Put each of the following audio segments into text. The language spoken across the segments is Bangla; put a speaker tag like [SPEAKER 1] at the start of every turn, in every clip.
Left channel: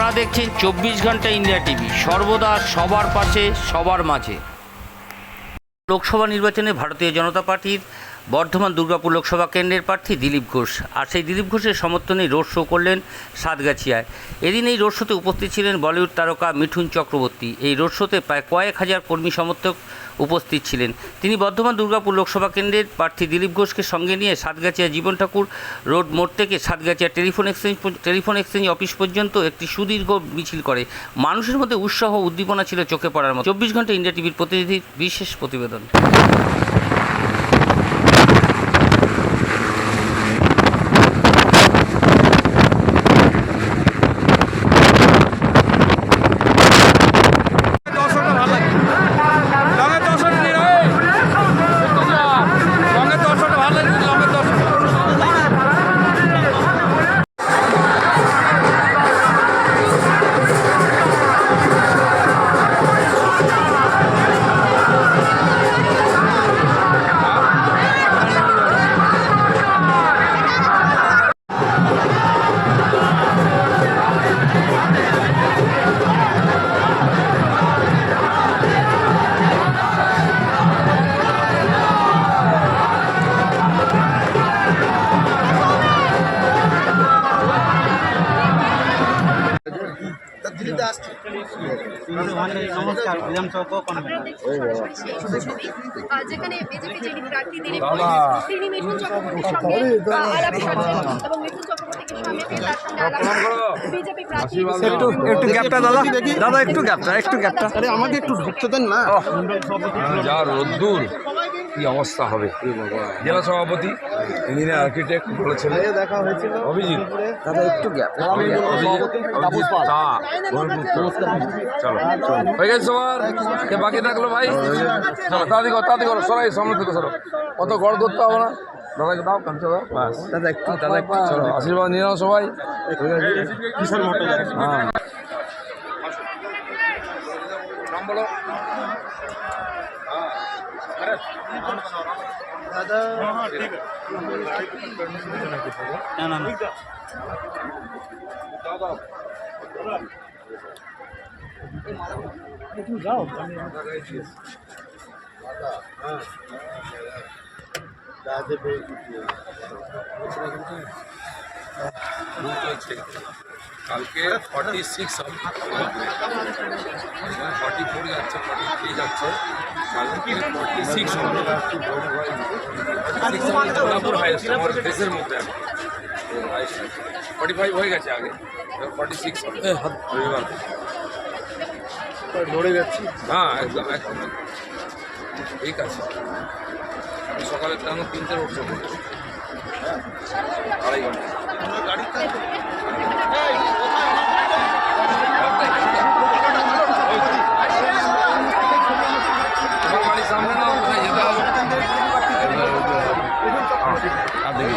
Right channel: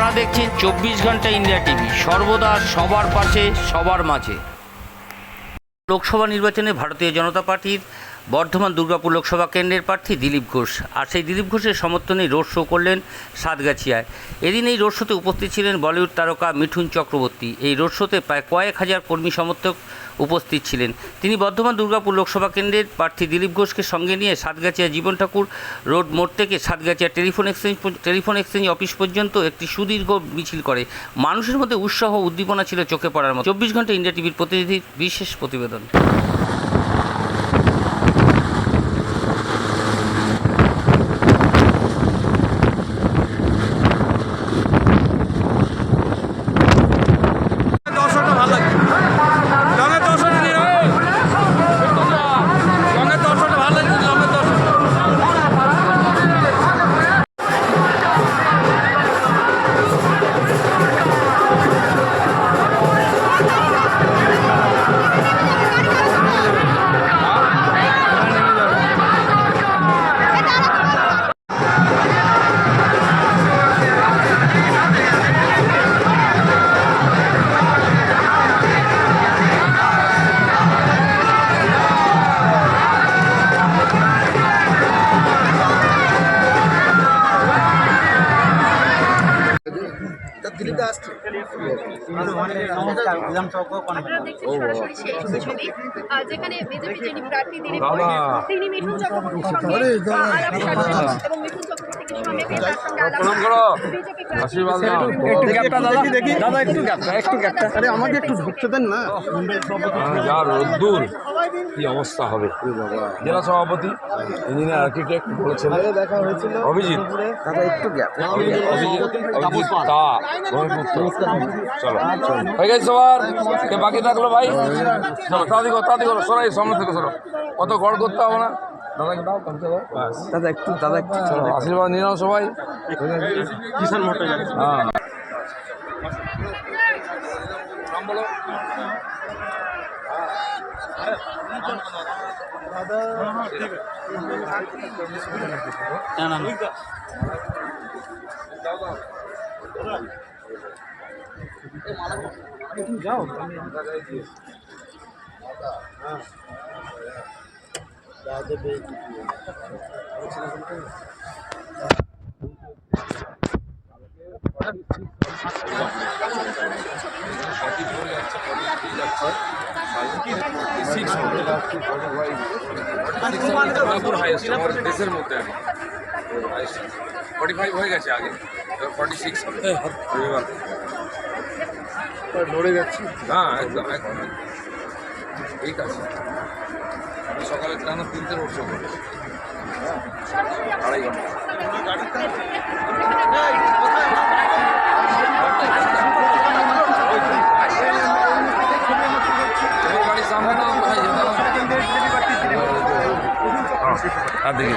[SPEAKER 1] আপনারা দেখছেন চব্বিশ ঘণ্টা ইন্ডিয়া টিভি। সর্বদা সবার পাশে, সবার মাঝে। লোকসভা নির্বাচনে ভারতীয় জনতা পার্টির বর্ধমান দুর্গাপুর লোকসভা কেন্দ্রের প্রার্থী দিলীপ ঘোষ। আর সেই দিলীপ ঘোষের সমর্থনে রোড শো করলেন সাতগাছিয়ায়। এদিন এই রোড শোতে উপস্থিত ছিলেন বলিউড তারকা মিঠুন চক্রবর্তী। এই রোড শোতে প্রায় কয়েক হাজার কর্মী সমর্থক উপস্থিত ছিলেন। তিনি বর্ধমান দুর্গাপুর লোকসভা কেন্দ্রের প্রার্থী দিলীপ ঘোষকে সঙ্গে নিয়ে সাতগাছিয়া জীবন ঠাকুর রোড মোড় থেকে Satgachhia telephone exchange telephone exchange office পর্যন্ত একটি সুদীর্ঘ মিছিল করে। মানুষের মধ্যে উৎসাহ উদ্দীপনা ছিল চোখে পড়ার মতো। চব্বিশ ঘণ্টা ইন্ডিয়া টিভির প্রতিনিধির বিশেষ প্রতিবেদন।
[SPEAKER 2] দিতে আসছি। যেখানে বিজেপি যিনি প্রার্থী তিনি মিঠুন চক্রবর্তীর সঙ্গে আলাপ এবং মিঠুন চক্রবর্তী
[SPEAKER 3] একটু দাদা। একটু গ্যাপটা একটু গ্যাপটা।
[SPEAKER 4] আরে আমাকে একটু ঢুকতে দেন না।
[SPEAKER 5] যা রোদ্দুর। কি অবস্থা হবে? জেলা সভাপতি ইঞ্জিনিয়ার আর্কিটেক্ট বলেছেন। অভিজিৎ।
[SPEAKER 4] দাদা একটু গ্যাপ।
[SPEAKER 5] অভিজিৎ। অভিজিৎ তা চলো। হয়ে গেছে সবার? কে বাকি থাকল ভাই? চলো তাড়াতাড়ি করো তাড়াতাড়ি করো। সরাই সামনে থেকে সরো। অত গড় করতে হবে না? দাদাকে দাও
[SPEAKER 4] দাদা একটু দাদা একটু
[SPEAKER 5] চলো। আশীর্বাদ নিয়ে নাও সবাই।
[SPEAKER 4] মোটর
[SPEAKER 5] হ্যাঁ। নাম বলো।
[SPEAKER 4] দাদা
[SPEAKER 3] না না। না
[SPEAKER 5] কালকে ফর্টি সিক্স ফর্টি ফোর যাচ্ছে ফর্টি থ্রি যাচ্ছে। কালকে ফর্টি সিক্স হবে দুর্গাপুর হাইয়েস্ট আমার দেশের মধ্যে এখন। ফর্টি ফাইভ হয়ে গেছে আগে এবার ফর্টি সিক্স হবে রবিবার।
[SPEAKER 4] লড়ে যাচ্ছি।
[SPEAKER 5] হ্যাঁ একদম একদম একদম। ঠিক আছে। সকালে টানা তিনটে রোড শো করব হ্যাঁ আড়াই ঘণ্টা। তোমার গাড়ির সামনে না কোথায় যেতে হবে? হ্যাঁ, আর দেখি।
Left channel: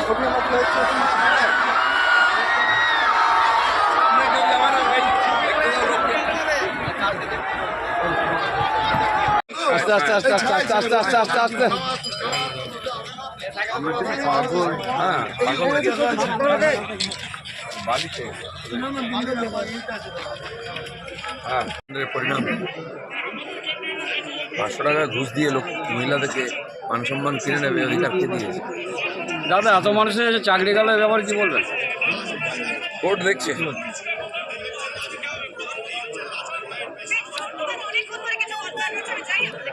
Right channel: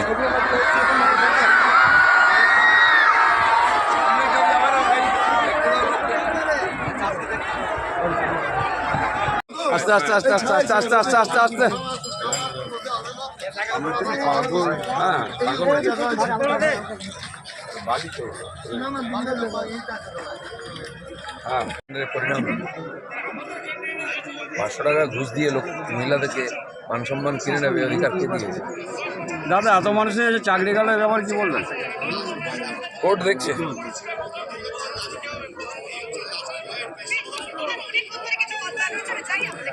[SPEAKER 3] আস্তে আস্তে আস্তে আস্তে আস্তে আস্তে আস্তে আস্তে আস্তে।
[SPEAKER 5] হ্যাঁ পাগল বালিতে হ্যাঁ পরিণাম। পাঁচশো টাকা ঘুষ দিয়ে লোক মহিলাদেরকে মান সম্মান কিনে নেবে অধিকার কে দিয়েছে?
[SPEAKER 3] দাদা এত মানুষের যে চাকরি গেল ব্যাপারে কি বলবেন?
[SPEAKER 5] কোর্ট দেখছে।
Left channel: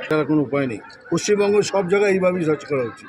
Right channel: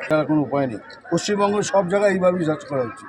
[SPEAKER 6] তার কোনো উপায় নেই। পশ্চিমবঙ্গের সব জায়গায় এইভাবেই সার্চ করা উচিত।